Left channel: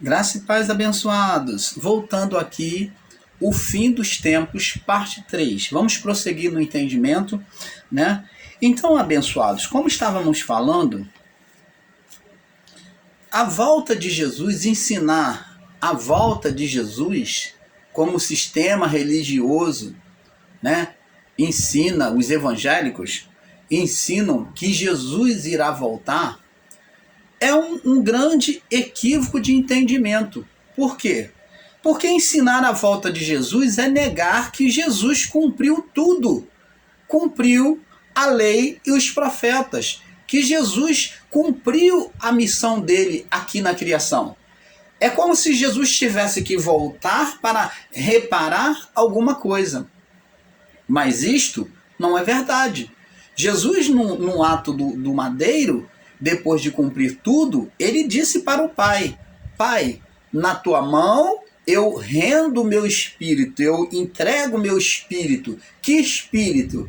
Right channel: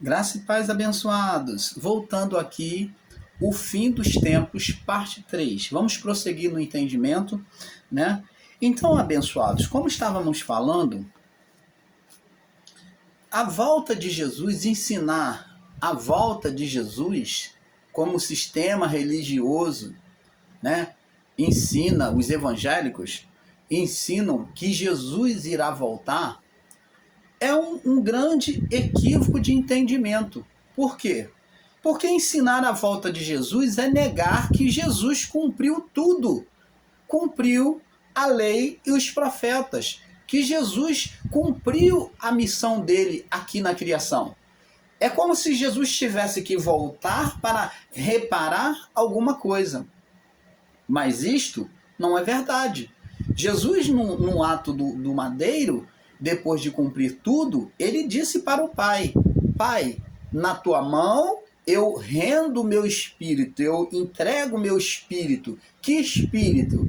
Graça e paz, abençoados. Voltando aqui, o fim dos tempos, parte 3. Vamos prosseguir no entendimento, né? Então, abençoados, como estávamos falando, a volta de Jesus, ensinar a volta de Jesus como sistema religioso, né? Ensina, os evangélicos ensinam que Jesus irá voltar, é um grande equívoco de entendimento. Por quê? Porque ensinar a volta de Jesus é negar que Jesus cumpriu tudo. Cumpriu a lei e os profetas. Que Jesus cumpriu a missão dele aqui na criação. É como se Jesus tivesse que voltar para reparar alguma coisa. Mas isto não é verdade. Jesus, no ato do madeiro, depois de cumprir tudo, ele disse para o Pai: Pai, na tua mão eu rendo o meu espírito, eu entrego o meu espírito. Que espírito?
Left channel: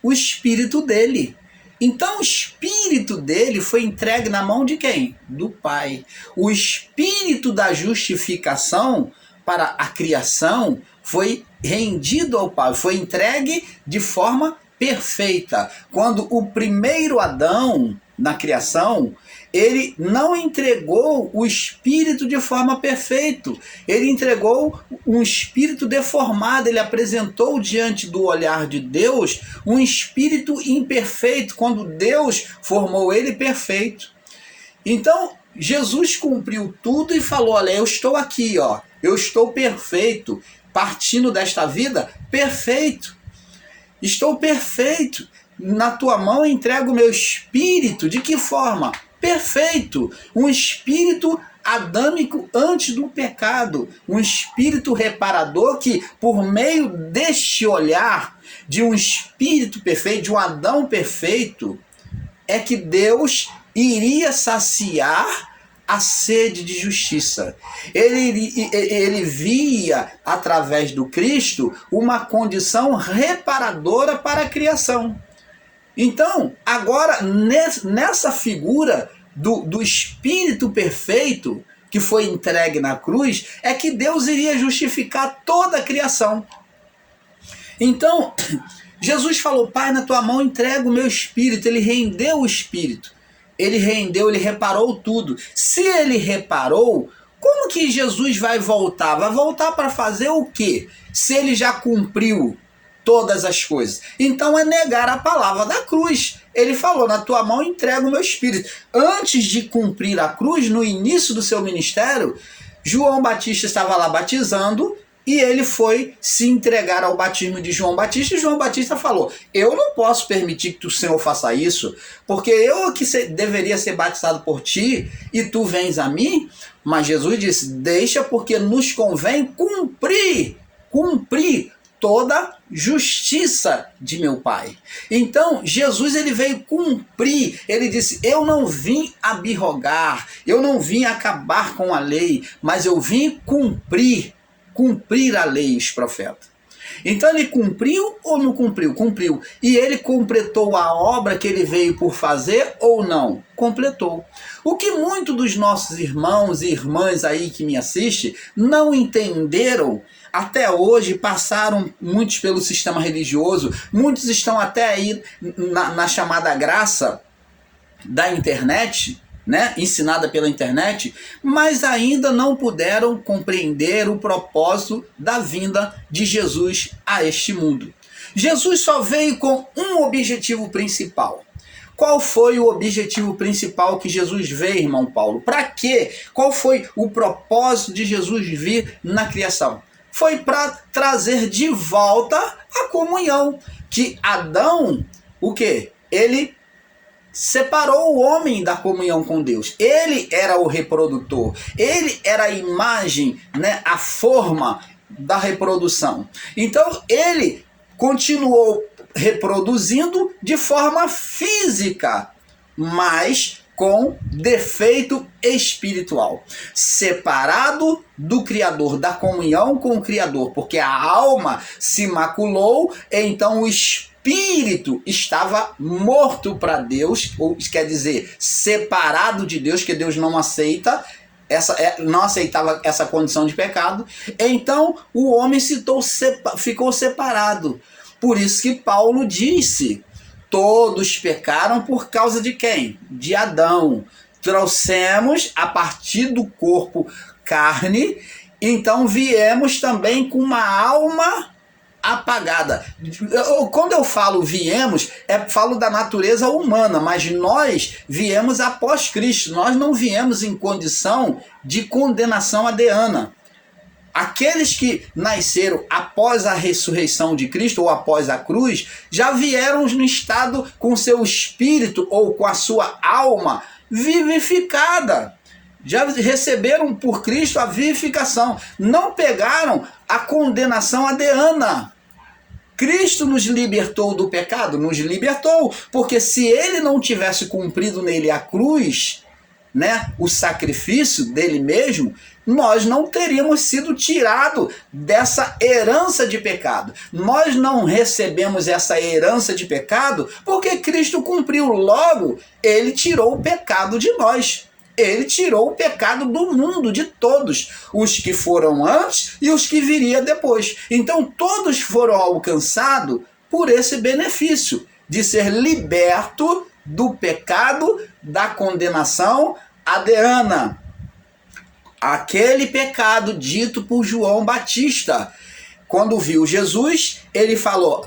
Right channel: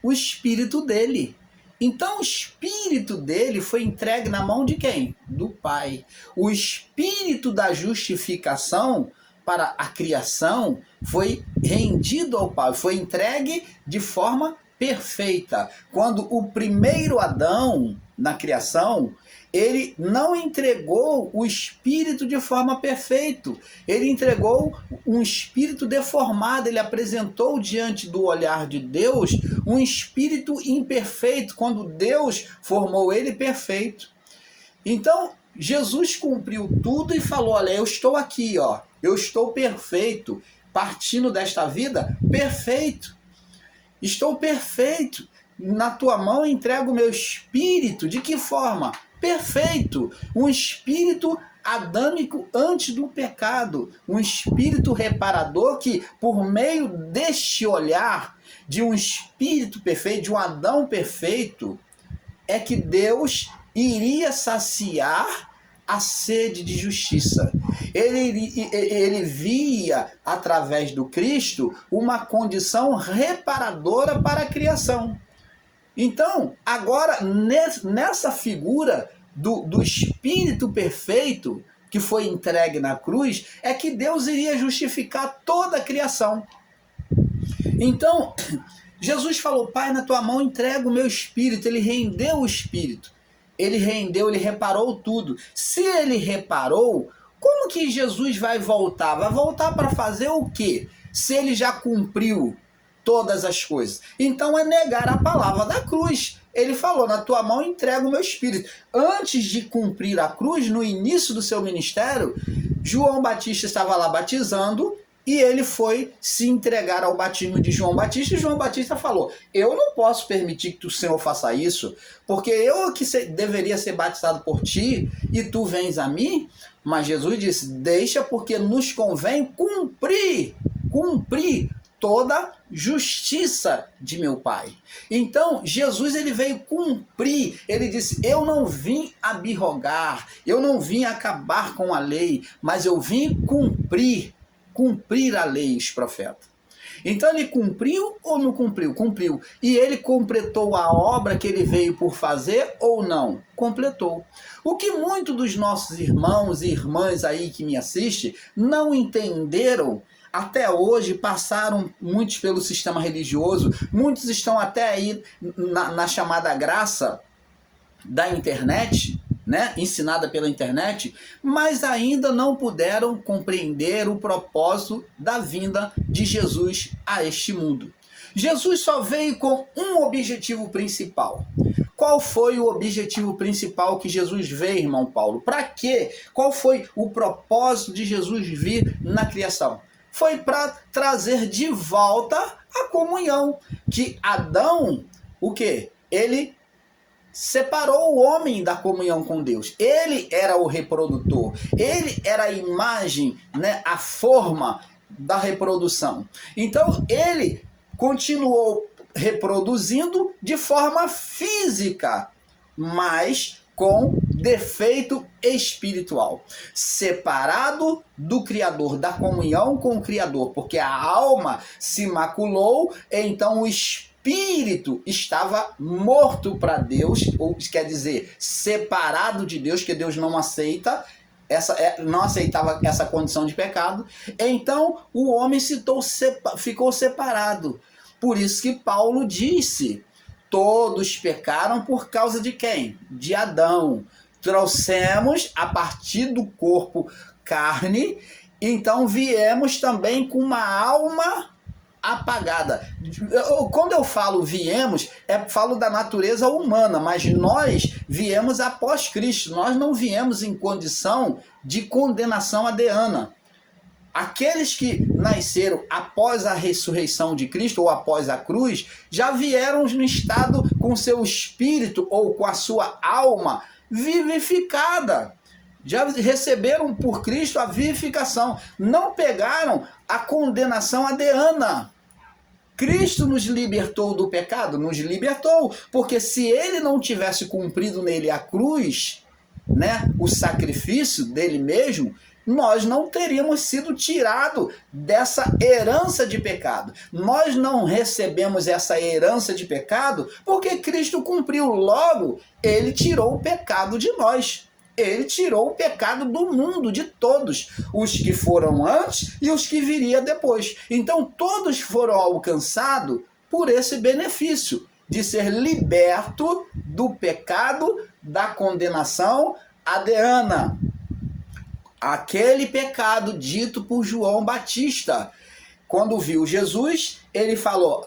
O espírito dele. Então o espírito dele foi entregue na mão de quem? Do Pai. O espírito da justificação para a criação foi rendido ao Pai, foi entregue de forma perfeita. Quando o primeiro Adão, na criação, ele não entregou o espírito de forma perfeita, ele entregou um espírito deformado, ele apresentou diante do olhar de Deus um espírito imperfeito, quando Deus formou ele perfeito. Então, Jesus cumpriu tudo e falou: olha, eu estou aqui, ó, eu estou perfeito, partindo desta vida, perfeito. Estou perfeito. Na tua mão eu entrego o meu espírito. De que forma? Perfeito. Um espírito adâmico antes do pecado. Um espírito reparador que, por meio deste olhar de um espírito perfeito, de um Adão perfeito, é que Deus iria saciar a sede de justiça. Ele via, através do Cristo, uma condição reparadora para a criação. Então, agora, nessa figura do Espírito perfeito, que foi entregue na cruz, é que Deus iria justificar toda a criação. Então, Jesus falou: Pai, na tua mão entrego o meu espírito. Ele rendeu o espírito. Ele rendeu, ele reparou tudo. Se ele reparou, como que Jesus vai voltar? Vai voltar para fazer o quê? Se ele já cumpriu todas as coisas. Então é negar a palavra da cruz. Ele falou: na tua mão entrego o meu espírito. Antes de cumprir a cruz, no início do seu ministério, João Batista estava lá batizando, e ele foi se entregar ao batismo de João Batista, e João Batista falou: eu não posso permitir que o Senhor faça isso, porque eu que deveria ser batizado por ti, e tu vens a mim. Mas Jesus disse: deixa, porque nos convém cumprir toda justiça de meu Pai. Então, Jesus, ele veio cumprir. Ele disse: eu não vim abrogar, eu não vim acabar com a lei, mas eu vim cumprir a lei e os profetas. Então ele cumpriu ou não cumpriu? Cumpriu. E ele completou a obra que ele veio por fazer ou não? Completou. O que muitos dos nossos irmãos e irmãs aí que me assistem não entenderam até hoje, passaram muitos pelo sistema religioso, muitos estão até aí na chamada graça da internet, né, ensinada pela internet, mas ainda não puderam compreender o propósito da vinda de Jesus a este mundo. Jesus só veio com um objetivo principal. Qual foi o objetivo principal que Jesus veio, irmão Paulo? Para quê? Qual foi o propósito de Jesus vir na criação? Foi para trazer de volta a comunhão. Que Adão, o quê? Ele separou o homem da comunhão com Deus. Ele era o reprodutor. Ele era a imagem, né, a forma da reprodução. Então, ele continuou reproduzindo de forma física, mas com defeito espiritual. Separado do Criador, da comunhão com o Criador, porque a alma se maculou, então o espírito estava morto para Deus, ou quer dizer, separado de Deus, que Deus não aceita, não aceitava essa condição de pecado, então o homem ficou separado. Por isso que Paulo disse, todos pecaram por causa de quem? De Adão. Trouxemos a partir do corpo carne, então viemos também com uma alma apagada. Quando eu falo viemos, falo da natureza humana, mas nós viemos após Cristo, nós não viemos em condição de condenação adêana. Aqueles que nasceram após a ressurreição de Cristo ou após a cruz, já vieram no estado com seu espírito ou com a sua alma vivificada. Já receberam por Cristo a vivificação. Não pegaram a condenação adêana. Cristo nos libertou do pecado? Nos libertou. Porque se ele não tivesse cumprido nele a cruz, né, o sacrifício dele mesmo, nós não teríamos sido tirados dessa herança de pecado. Nós não recebemos essa herança de pecado porque Cristo cumpriu. Logo, ele tirou o pecado de nós. Ele tirou o pecado do mundo, de todos, os que foram antes e os que viriam depois. Então todos foram alcançados por esse benefício de ser liberto do pecado, da condenação adêana. Aquele pecado dito por João Batista. Quando viu Jesus, ele falou,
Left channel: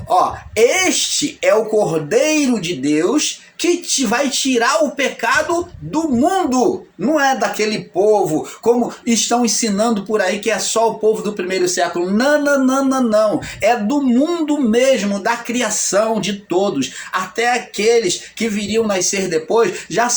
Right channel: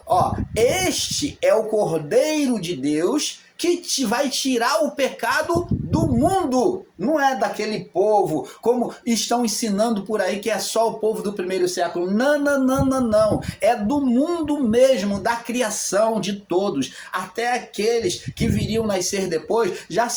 este é o Cordeiro de Deus que vai tirar o pecado do mundo. Não é daquele povo, como estão ensinando por aí, que é só o povo do primeiro século. Não. É do mundo mesmo, da criação de todos. Até aqueles que viriam nascer depois já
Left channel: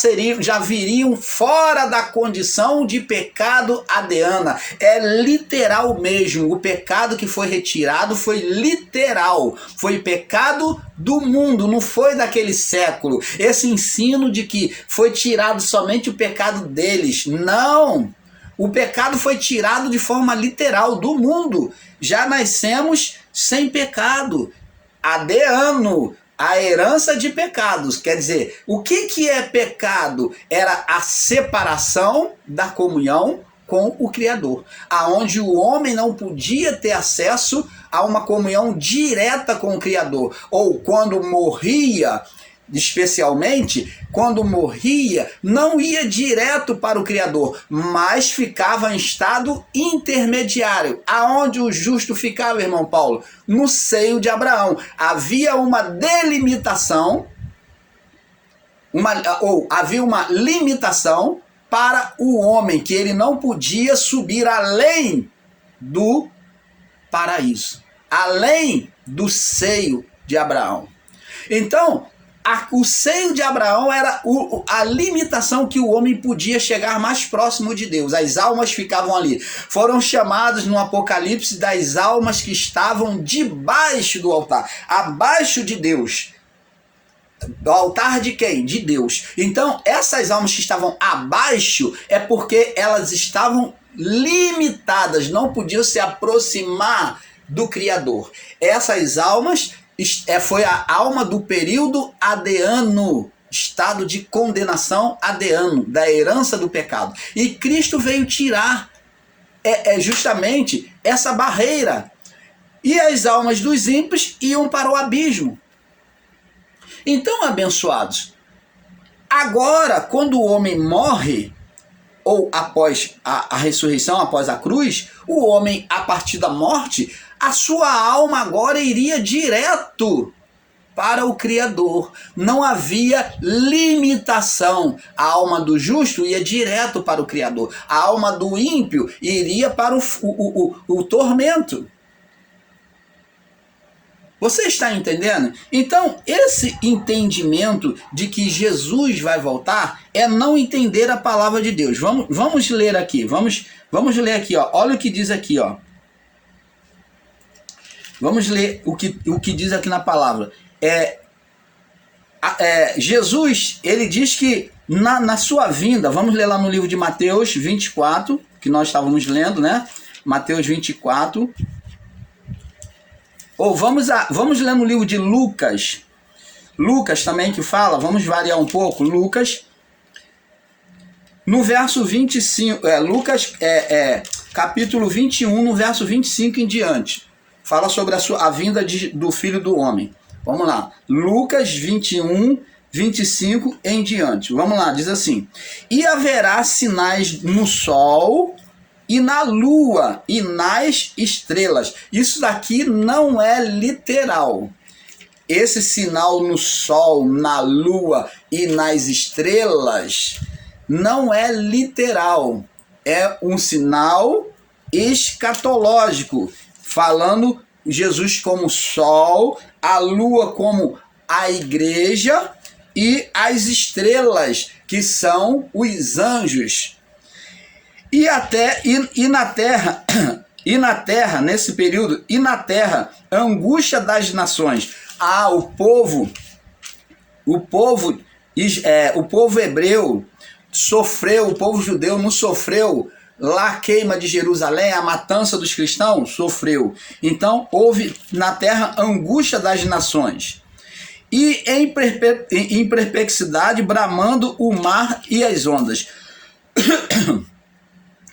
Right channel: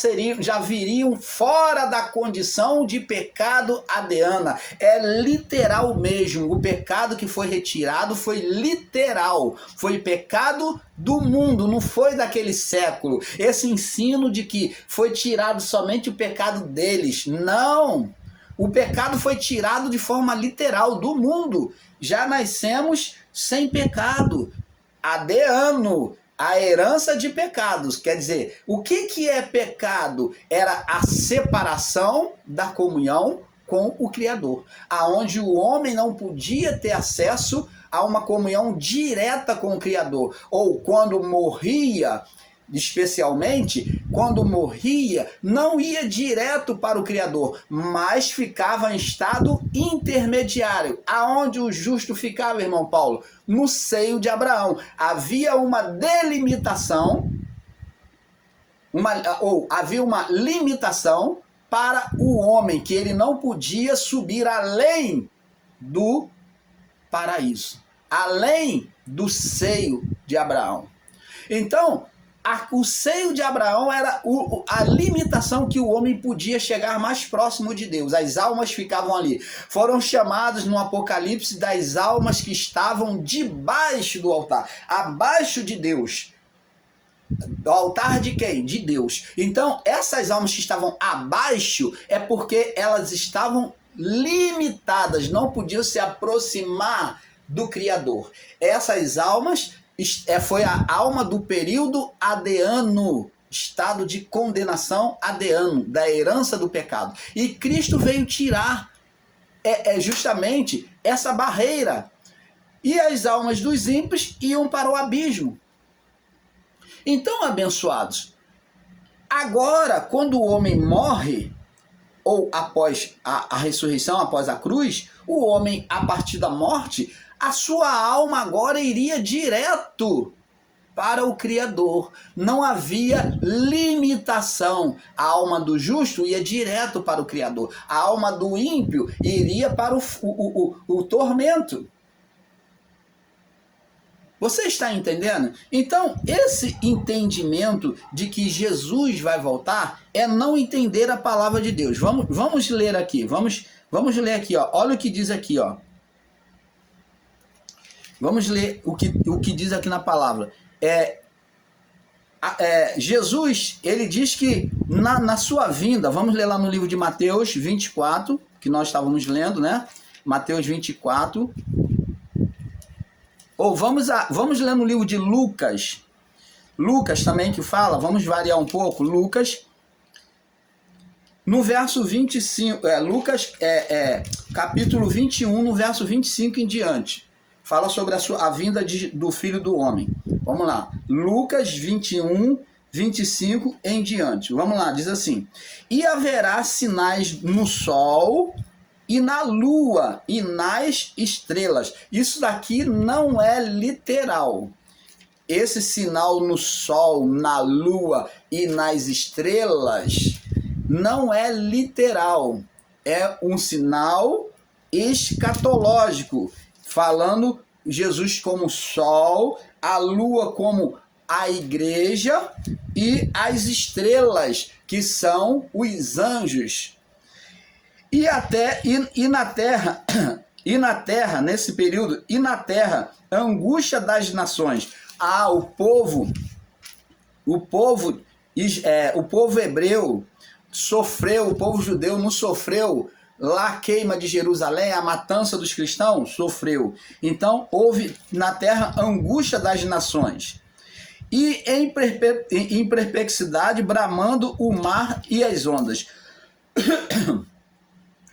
viriam fora da condição de pecado adêana. É literal mesmo. O pecado que foi retirado foi literal. Foi pecado do mundo, não foi daquele século. Esse ensino de que foi tirado somente o pecado deles. Não! O pecado foi tirado de forma literal do mundo. Já nascemos sem pecado. Adêano, a herança de pecados. Quer dizer, o que é pecado? Era a separação da comunhão com o Criador, aonde o homem não podia ter acesso a uma comunhão direta com o Criador, ou quando morria, especialmente quando morria, não ia direto para o Criador, mas ficava em estado intermediário. Aonde o justo ficava, irmão Paulo? No seio de Abraão. Havia uma delimitação, havia uma limitação para o homem, que ele não podia subir além do paraíso, além do seio de Abraão. Então, o seio de Abraão era a limitação que o homem podia chegar mais próximo de Deus. As almas ficavam ali. Foram chamadas no Apocalipse das almas que estavam debaixo do altar, abaixo de Deus. Do altar de quem? De Deus. Então, essas almas que estavam abaixo é porque elas estavam limitadas, não podiam se aproximar do Criador. Essas almas foi a alma do período adêano, estado de condenação adêano, da herança do pecado. E Cristo veio tirar justamente essa barreira. E as almas dos ímpios iam para o abismo. Então, abençoados, agora, quando o homem morre, ou após a ressurreição, após a cruz, o homem, a partir da morte, a sua alma agora iria direto para o Criador. Não havia limitação. A alma do justo ia direto para o Criador. A alma do ímpio iria para o tormento. Você está entendendo? Então, esse entendimento de que Jesus vai voltar é não entender a palavra de Deus. Vamos ler aqui. Vamos ler aqui, ó. Olha o que diz aqui, ó. Vamos ler o que diz aqui na palavra. Jesus, ele diz que na sua vinda, vamos ler lá no livro de Mateus 24, que nós estávamos lendo, né? Mateus 24. Ou vamos ler no livro de Lucas. Lucas também que fala, vamos variar um pouco. Lucas no verso 25, Lucas capítulo 21, no verso 25 em diante, fala sobre a vinda do Filho do Homem. Vamos lá, Lucas 21, 25 em diante. Vamos lá, diz assim: e haverá sinais no sol e na lua e nas estrelas. Isso daqui não é literal. Esse sinal no sol, na lua e nas estrelas não é literal. É um sinal escatológico, falando Jesus como sol, a lua como a igreja e as estrelas, que são os anjos. E na terra, nesse período, e na terra, a angústia das nações. O povo hebreu sofreu, o povo judeu não sofreu lá a queima de Jerusalém, a matança dos cristãos? Sofreu. Então, houve na terra angústia das nações. E em perplexidade, bramando o mar e as ondas.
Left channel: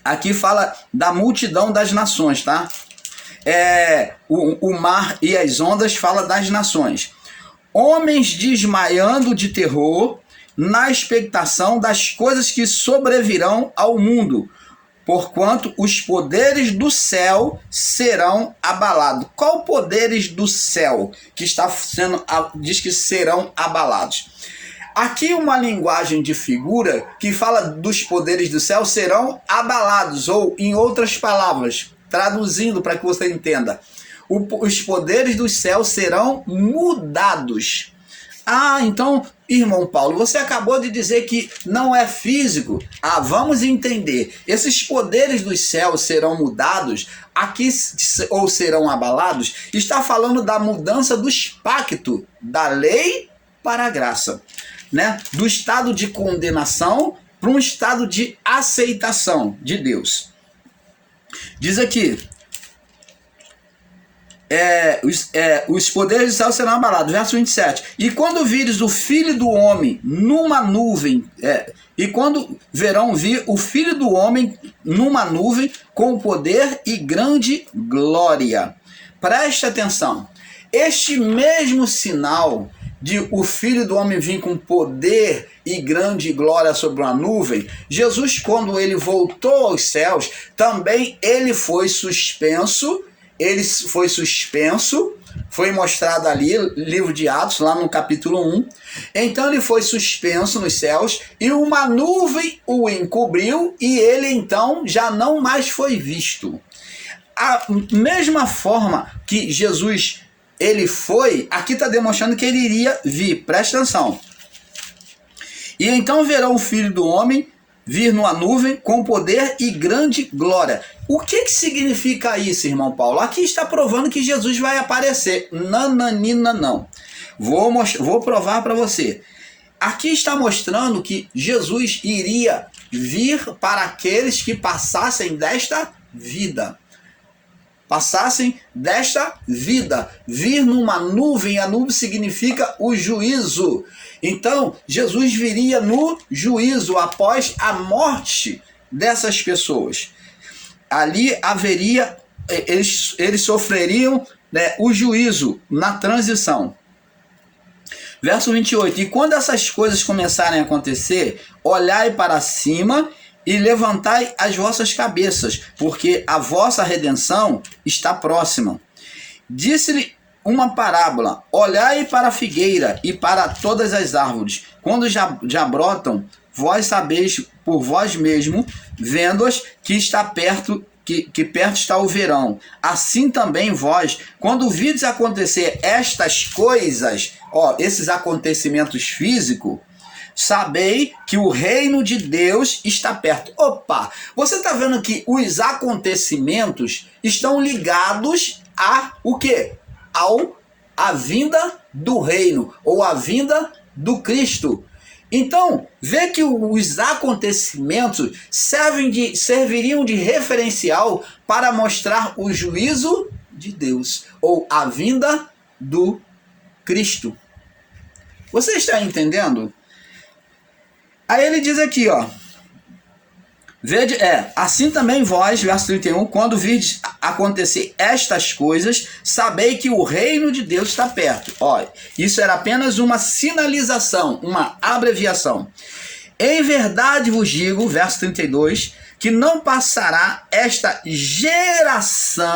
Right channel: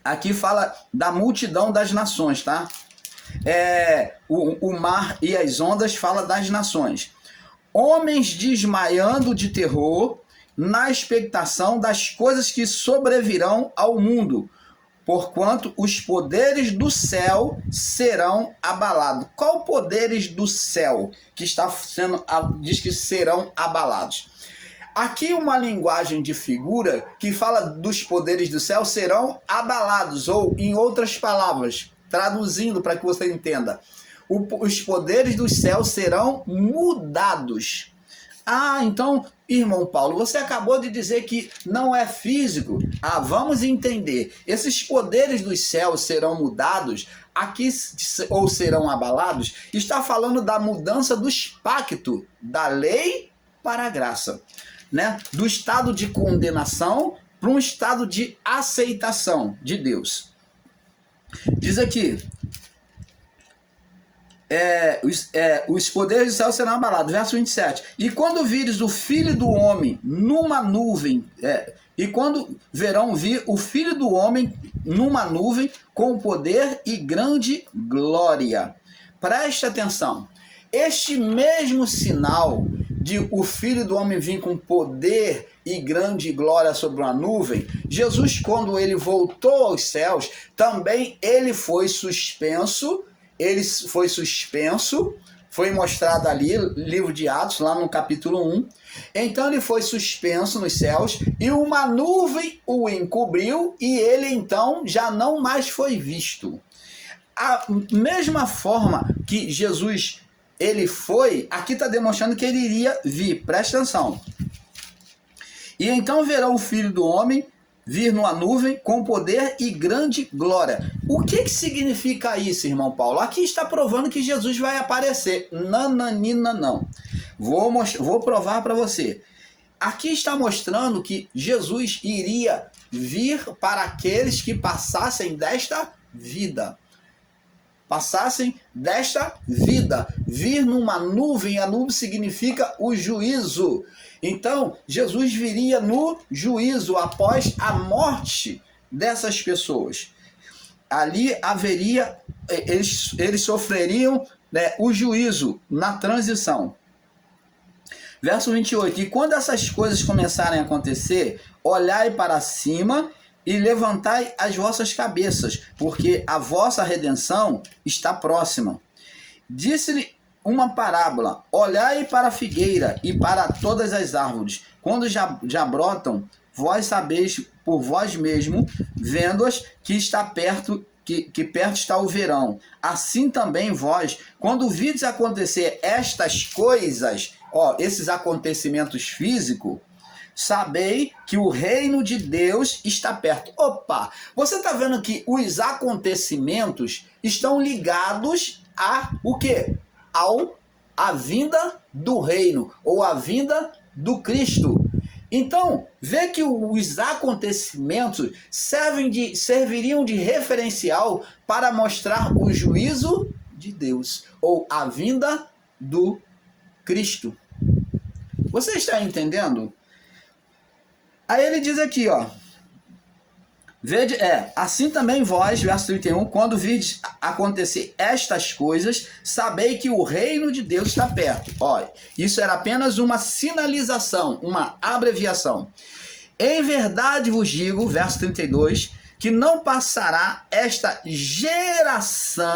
Aqui fala da multidão das nações, tá? O mar e as ondas fala das nações. Homens desmaiando de terror na expectação das coisas que sobrevirão ao mundo, porquanto os poderes do céu serão abalados. Qual poderes do céu que está sendo, diz que serão abalados? Aqui uma linguagem de figura que fala dos poderes do céu serão abalados, ou em outras palavras, traduzindo para que você entenda, os poderes do céu serão mudados. Então, irmão Paulo, você acabou de dizer que não é físico. Vamos entender. Esses poderes dos céus serão mudados, aqui, ou serão abalados, está falando da mudança do pacto, da lei para a graça, né? Do estado de condenação para um estado de aceitação de Deus. Diz aqui, os poderes do céu serão abalados, verso 27. E quando vires o Filho do Homem numa nuvem, e quando verão vir o Filho do Homem numa nuvem com poder e grande glória. Preste atenção. Este mesmo sinal de o Filho do Homem vir com poder e grande glória sobre uma nuvem, Jesus, quando ele voltou aos céus, também ele foi suspenso. Foi mostrado ali, livro de Atos, lá no capítulo 1. Então ele foi suspenso nos céus e uma nuvem o encobriu e ele então já não mais foi visto. A mesma forma que Jesus ele foi, aqui está demonstrando que ele iria vir. Presta atenção. E então verão o Filho do Homem vir numa nuvem com poder e grande glória. O que significa isso, irmão Paulo? Aqui está provando que Jesus vai aparecer. Nananina, não. Vou provar para você. Aqui está mostrando que Jesus iria vir para aqueles que passassem desta vida. Vir numa nuvem, a nuvem significa o juízo. Então, Jesus viria no juízo após a morte dessas pessoas. Ali haveria, eles sofreriam, né, o juízo na transição. Verso 28. E quando essas coisas começarem a acontecer, olhai para cima e levantai as vossas cabeças, porque a vossa redenção está próxima. Disse-lhe uma parábola: olhai para a figueira e para todas as árvores, quando já brotam, vós sabeis por vós mesmo, vendo-as, que está perto, que perto está o verão. Assim também vós, quando vides acontecer estas coisas, esses acontecimentos físicos, sabei que o reino de Deus está perto. Você está vendo que os acontecimentos estão ligados a o quê? A vinda do reino, ou a vinda do Cristo. Vê que os acontecimentos serviriam de referencial para mostrar o juízo de Deus, ou a vinda do Cristo. Você está entendendo? Aí ele diz aqui, Assim também vós, verso 31, quando virdes acontecer estas coisas, sabei que o reino de Deus está perto. Olha, isso era apenas uma sinalização, uma abreviação. Em verdade vos digo, verso 32, que não passará esta geração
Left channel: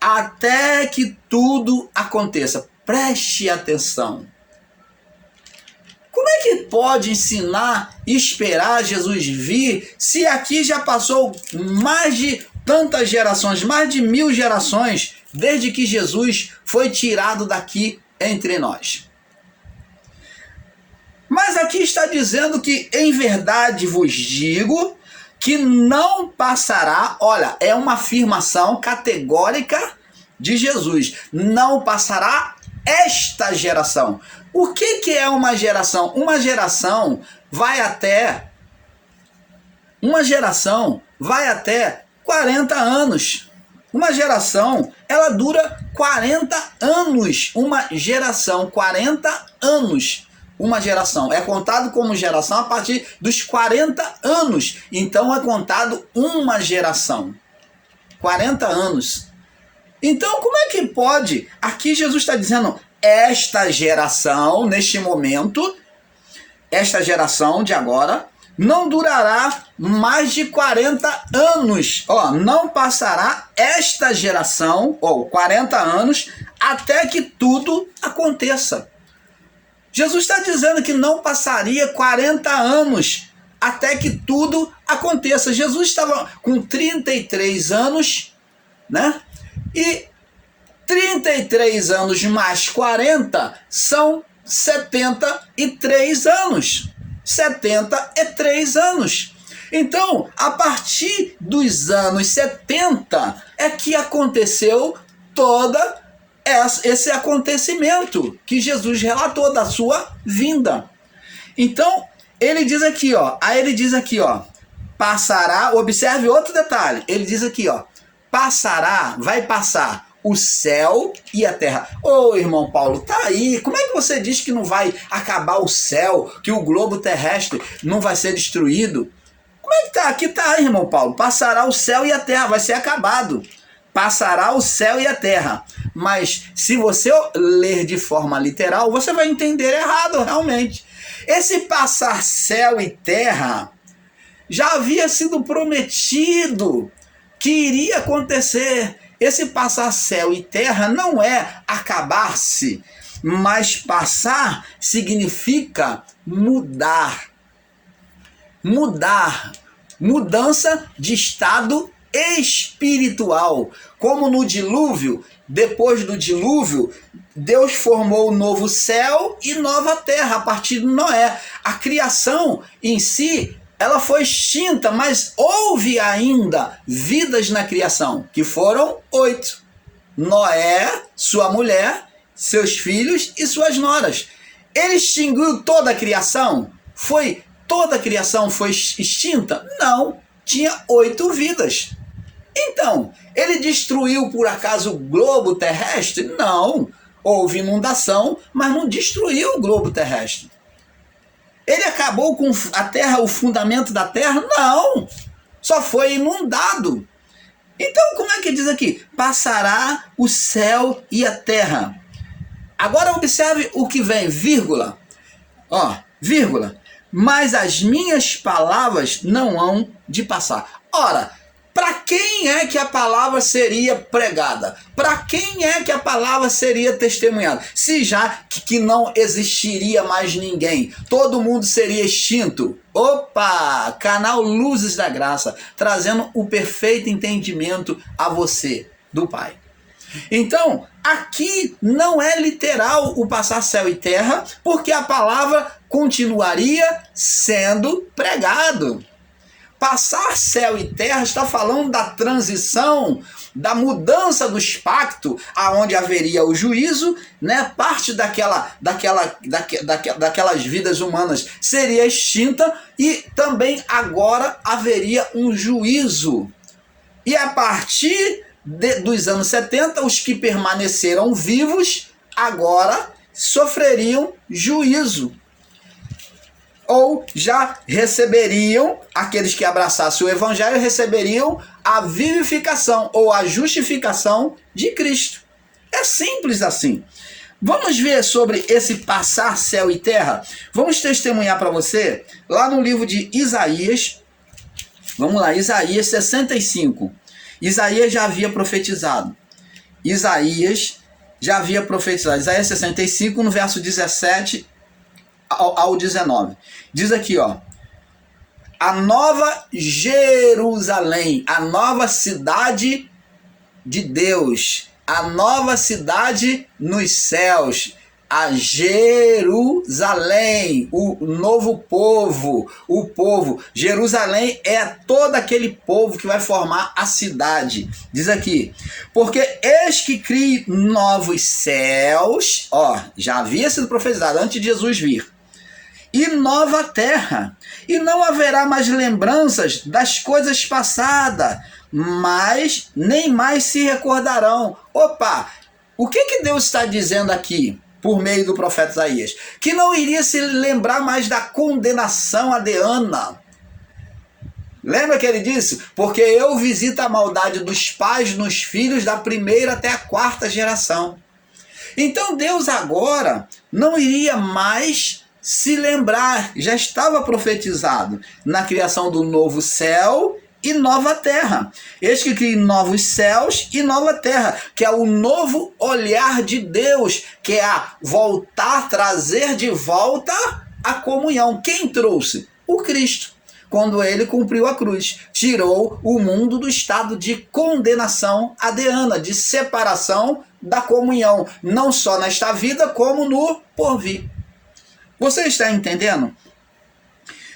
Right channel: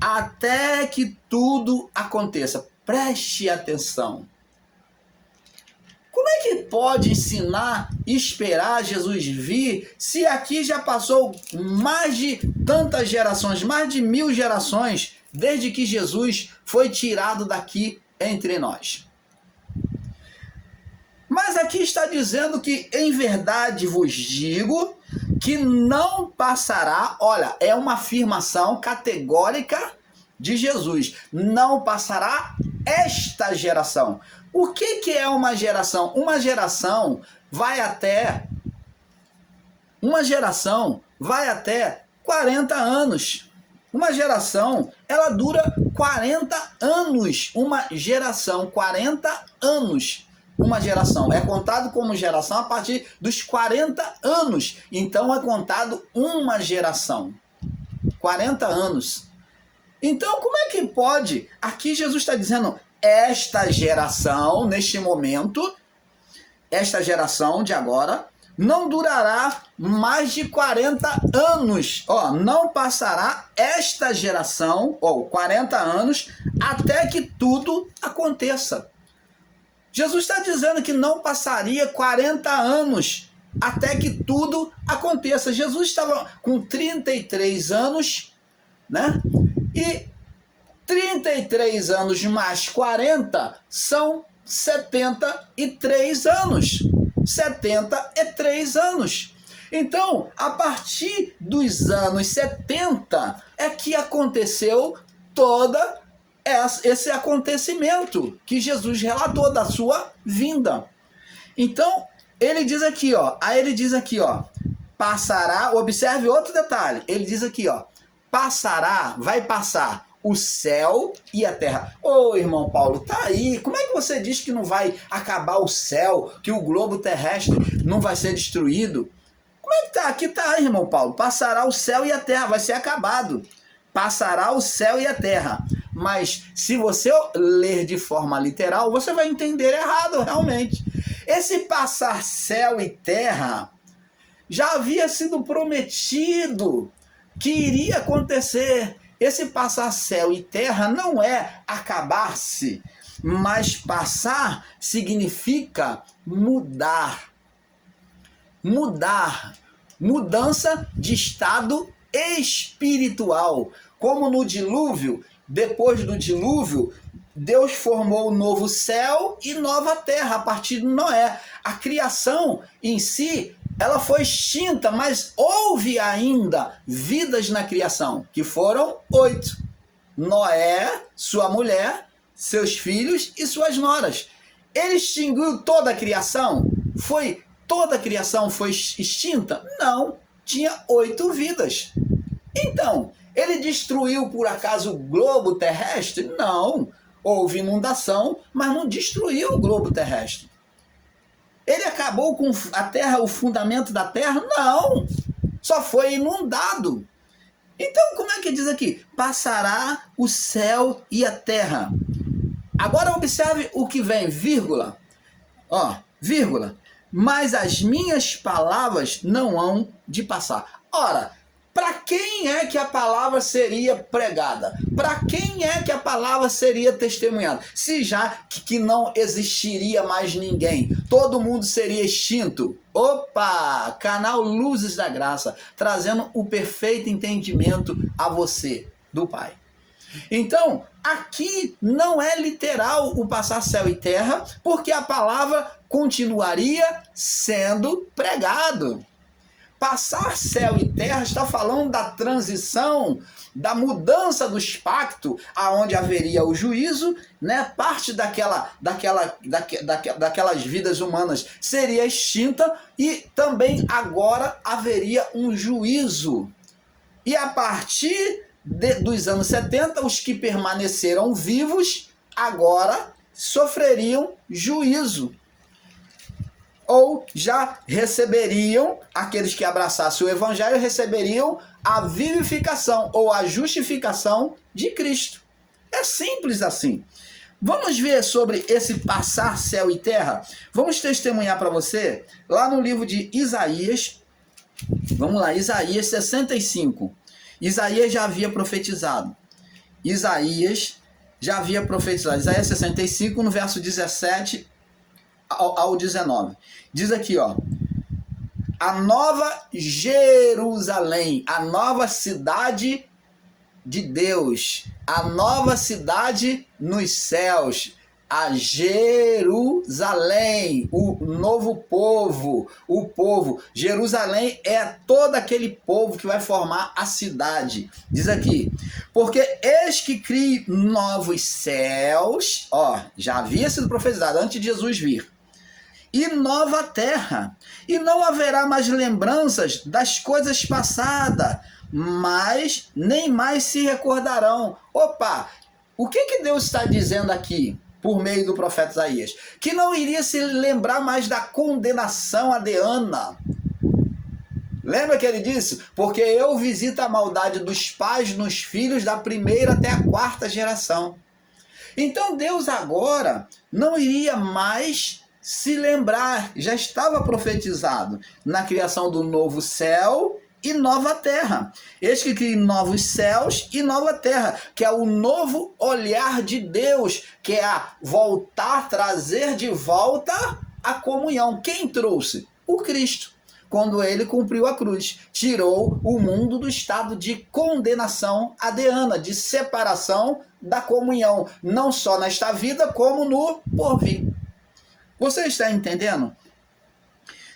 até que tudo aconteça. Preste atenção. Como é que pode ensinar e esperar Jesus vir se aqui já passou mais de tantas gerações, mais de 1000 gerações, desde que Jesus foi tirado daqui entre nós? Mas aqui está dizendo que em verdade vos digo que não passará, olha, é uma afirmação categórica de Jesus, não passará esta geração. O que é uma geração? Uma geração vai até 40 anos. Uma geração, ela dura 40 anos. Uma geração, 40 anos. Uma geração. É contado como geração a partir dos 40 anos. Então é contado uma geração. 40 anos. Então como é que pode? Aqui Jesus está dizendo, esta geração, neste momento, esta geração de agora, não durará mais de 40 anos. Ó, não passará esta geração, ou 40 anos, até que tudo aconteça. Jesus está dizendo que não passaria 40 anos até que tudo aconteça. Jesus estava com 33 anos, né? E 33 anos mais 40 são 73 anos. 73 anos. Então, a partir dos anos 70 é que aconteceu toda esse acontecimento que Jesus relatou da sua vinda. Então, ele diz aqui, ó, passará, observe outro detalhe, ele diz aqui, ó, vai passar o céu e a terra. Ô, irmão Paulo, tá aí, como é que você diz que não vai acabar o céu, que o globo terrestre não vai ser destruído? Como é que tá? Aqui tá, irmão Paulo, passará o céu e a terra, vai ser acabado. Passará o céu e a terra. Mas se você ler de forma literal, você vai entender errado, realmente. Esse passar céu e terra já havia sido prometido que iria acontecer. Esse passar céu e terra não é acabar-se, mas passar significa mudar. Mudança de estado espiritual. Como no dilúvio, depois do dilúvio, Deus formou um novo céu e nova terra a partir de Noé. A criação em si, ela foi extinta, mas houve ainda vidas na criação, que foram 8. Noé, sua mulher, seus filhos e suas noras. Ele extinguiu toda a criação? Toda a criação foi extinta? Não, tinha 8 vidas. Então, ele destruiu por acaso o globo terrestre? Não. Houve inundação, mas não destruiu o globo terrestre. Ele acabou com a terra, o fundamento da terra? Não. Só foi inundado. Então, como é que diz aqui? Passará o céu e a terra. Agora observe o que vem, vírgula. Ó, vírgula. Mas as minhas palavras não hão de passar. Ora, para quem é que a palavra seria pregada? Para quem é que a palavra seria testemunhada? Se já que não existiria mais ninguém, todo mundo seria extinto. Opa! Canal Luzes da Graça, trazendo o perfeito entendimento a você do Pai. Então, aqui não é literal o passar céu e terra, porque a palavra continuaria sendo pregado. Passar céu e terra está falando da transição, da mudança dos pactos, aonde haveria o juízo, né? Parte daquelas vidas humanas seria extinta e também agora haveria um juízo. E a partir dos anos 70, os que permaneceram vivos agora sofreriam juízo. ou já receberiam, aqueles que abraçassem o evangelho receberiam a vivificação ou a justificação de Cristo. É simples assim. Vamos ver sobre esse passar céu e terra? Vamos testemunhar para você lá no livro de Isaías. Vamos lá, Isaías 65. Isaías já havia profetizado. Isaías 65, no verso 17 ao 19. Diz aqui, ó. A nova Jerusalém, a nova cidade de Deus, a nova cidade nos céus, a Jerusalém, o novo povo, o povo. Jerusalém é todo aquele povo que vai formar a cidade. Diz aqui, porque eis que crie novos céus, ó, já havia sido profetizado antes de Jesus vir, e nova terra, e não haverá mais lembranças das coisas passadas, mas nem mais se recordarão. Opa, o que Deus está dizendo aqui por meio do profeta Isaías? Que não iria se lembrar mais da condenação adeana. Lembra que ele disse? Porque eu visito a maldade dos pais nos filhos da primeira até a quarta geração. Então Deus agora não iria mais se lembrar, já estava profetizado na criação do novo céu e nova terra. Eis que cria novos céus e nova terra, que é o novo olhar de Deus, que é a voltar, trazer de volta a comunhão. Quem trouxe? O Cristo, quando ele cumpriu a cruz, tirou o mundo do estado de condenação adeana, de separação da comunhão, não só nesta vida, como no porvir. Você está entendendo?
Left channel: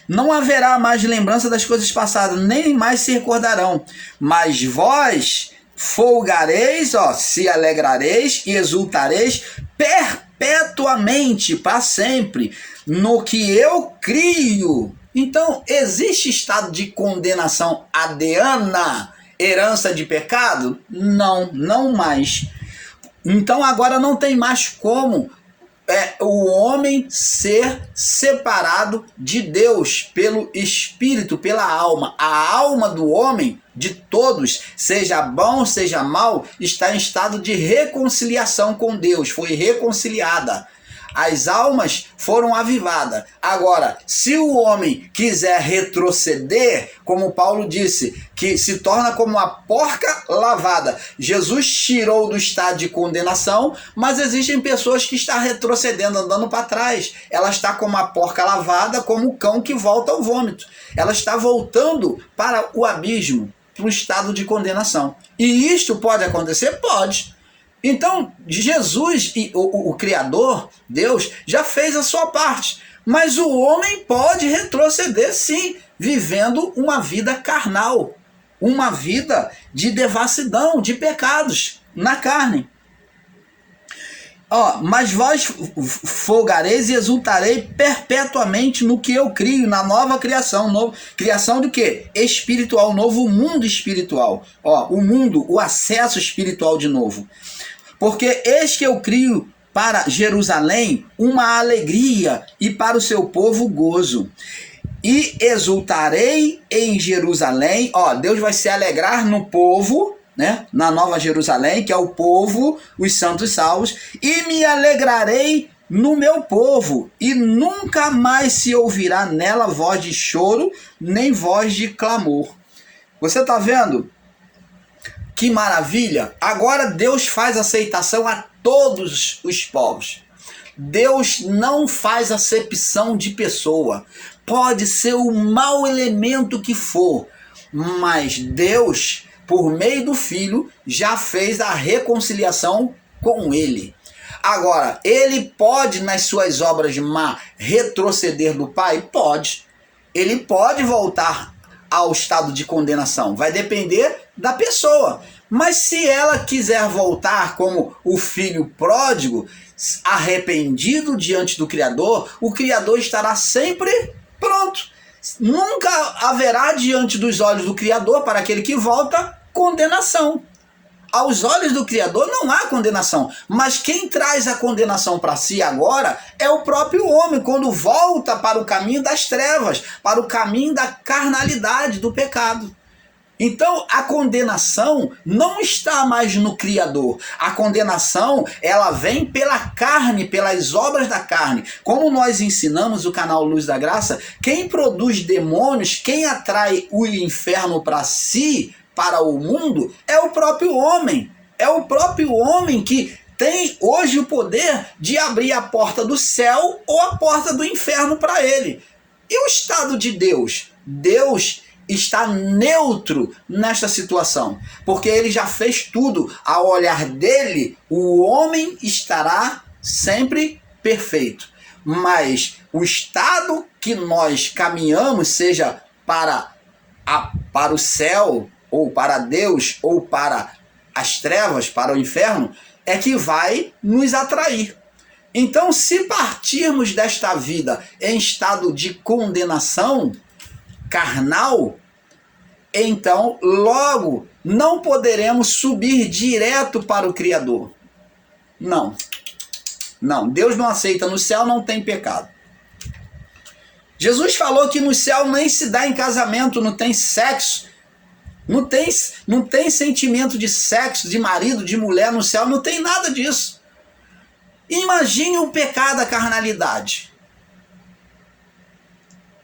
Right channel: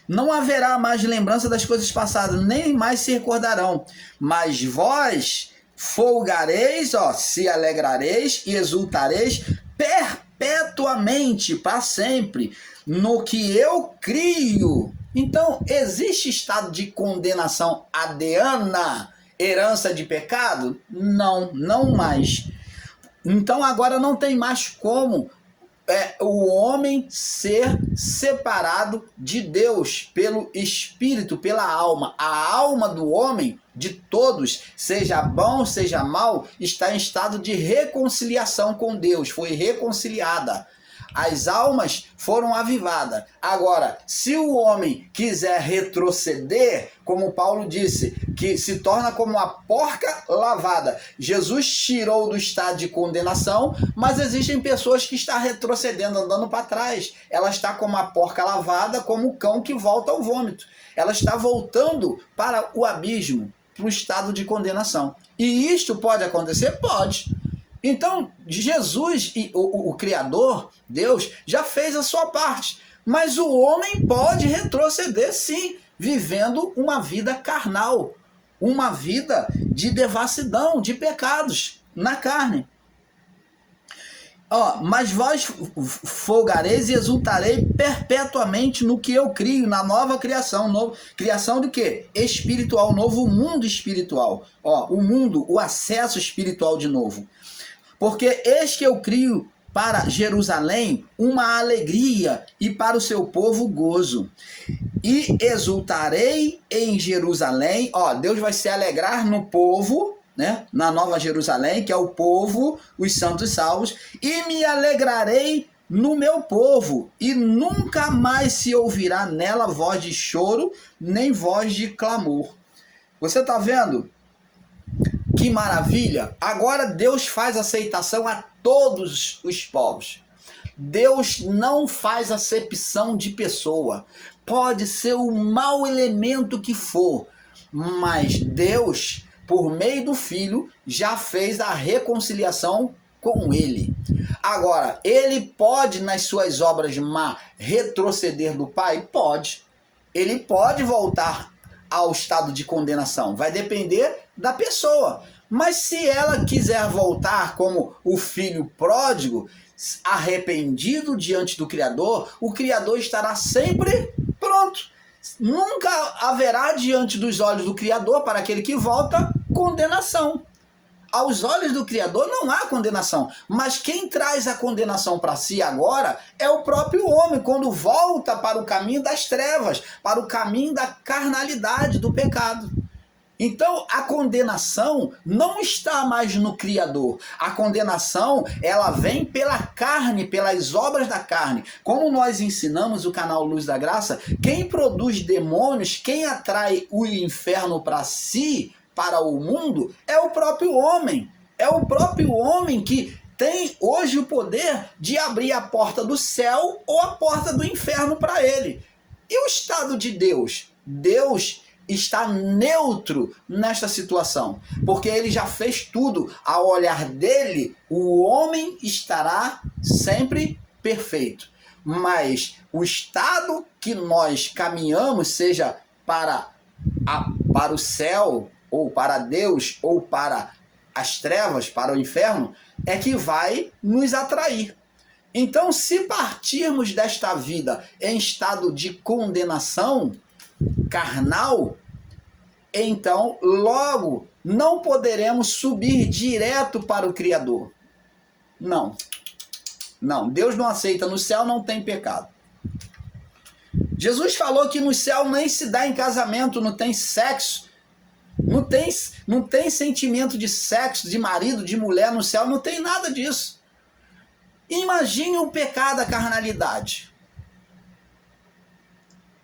Não haverá mais lembrança das coisas passadas, nem mais se recordarão. Mas vós folgareis, ó, se alegrareis e exultareis perpetuamente, para sempre, no que eu crio. Então, existe estado de condenação adeana, herança de pecado? Não, não mais. Então, agora não tem mais como o homem ser separado de Deus pelo Espírito, pela alma. A alma do homem, de todos, seja bom, seja mal, está em estado de reconciliação com Deus, foi reconciliada. As almas foram avivadas. Agora, se o homem quiser retroceder, como Paulo disse, que se torna como uma porca lavada. Jesus tirou do estado de condenação, mas existem pessoas que estão retrocedendo, andando para trás. Ela está como uma porca lavada, como o cão que volta ao vômito. Ela está voltando para o abismo, para o estado de condenação. E isto pode acontecer? Pode. Então, Jesus, o Criador, Deus, já fez a sua parte. Mas o homem pode retroceder, sim, vivendo uma vida carnal. Uma vida de devassidão, de pecados na carne. Ó, mas vós folgareis e exultareis perpetuamente no que eu crio, na nova criação. Criação do quê? Espiritual, novo mundo espiritual. Ó, o mundo, o acesso espiritual de novo. Porque eis que eu crio para Jerusalém uma alegria e para o seu povo gozo. E exultarei em Jerusalém. Ó, Deus vai se alegrar no povo, né? Na Nova Jerusalém, que é o povo, os santos salvos. E me alegrarei no meu povo. E nunca mais se ouvirá nela voz de choro, nem voz de clamor. Você está vendo? Que maravilha! Agora Deus faz aceitação a todos os povos. Deus não faz acepção de pessoa. Pode ser o mau elemento que for, mas Deus, por meio do Filho, já fez a reconciliação com ele. Agora, ele pode, nas suas obras má, retroceder do Pai? Pode. Ele pode voltar ao estado de condenação. Vai depender da pessoa. Mas se ela quiser voltar como o filho pródigo, arrependido diante do Criador, o Criador estará sempre pronto. Nunca haverá diante dos olhos do Criador, para aquele que volta, condenação. aos olhos do Criador não há condenação, mas quem traz a condenação para si agora é o próprio homem, quando volta para o caminho das trevas, para o caminho da carnalidade, do pecado. Então, a condenação não está mais no Criador. A condenação, ela vem pela carne, pelas obras da carne. Como nós ensinamos o canal Luz da Graça, quem produz demônios, quem atrai o inferno para si, para o mundo, é o próprio homem. É o próprio homem que tem hoje o poder de abrir a porta do céu ou a porta do inferno para ele. E o estado de Deus? Deus está neutro nesta situação, porque ele já fez tudo. Ao olhar dele, o homem estará sempre perfeito. Mas o estado que nós caminhamos, seja para o céu, ou para Deus, ou para as trevas, para o inferno, é que vai nos atrair. Então, se partirmos desta vida em estado de condenação carnal, então logo não poderemos subir direto para o Criador. Não, Deus não aceita. No céu não tem pecado. Jesus falou que no céu nem se dá em casamento, não tem sexo, não tem sentimento de sexo, de marido, de mulher no céu, não tem nada disso. Imagine o pecado, a carnalidade.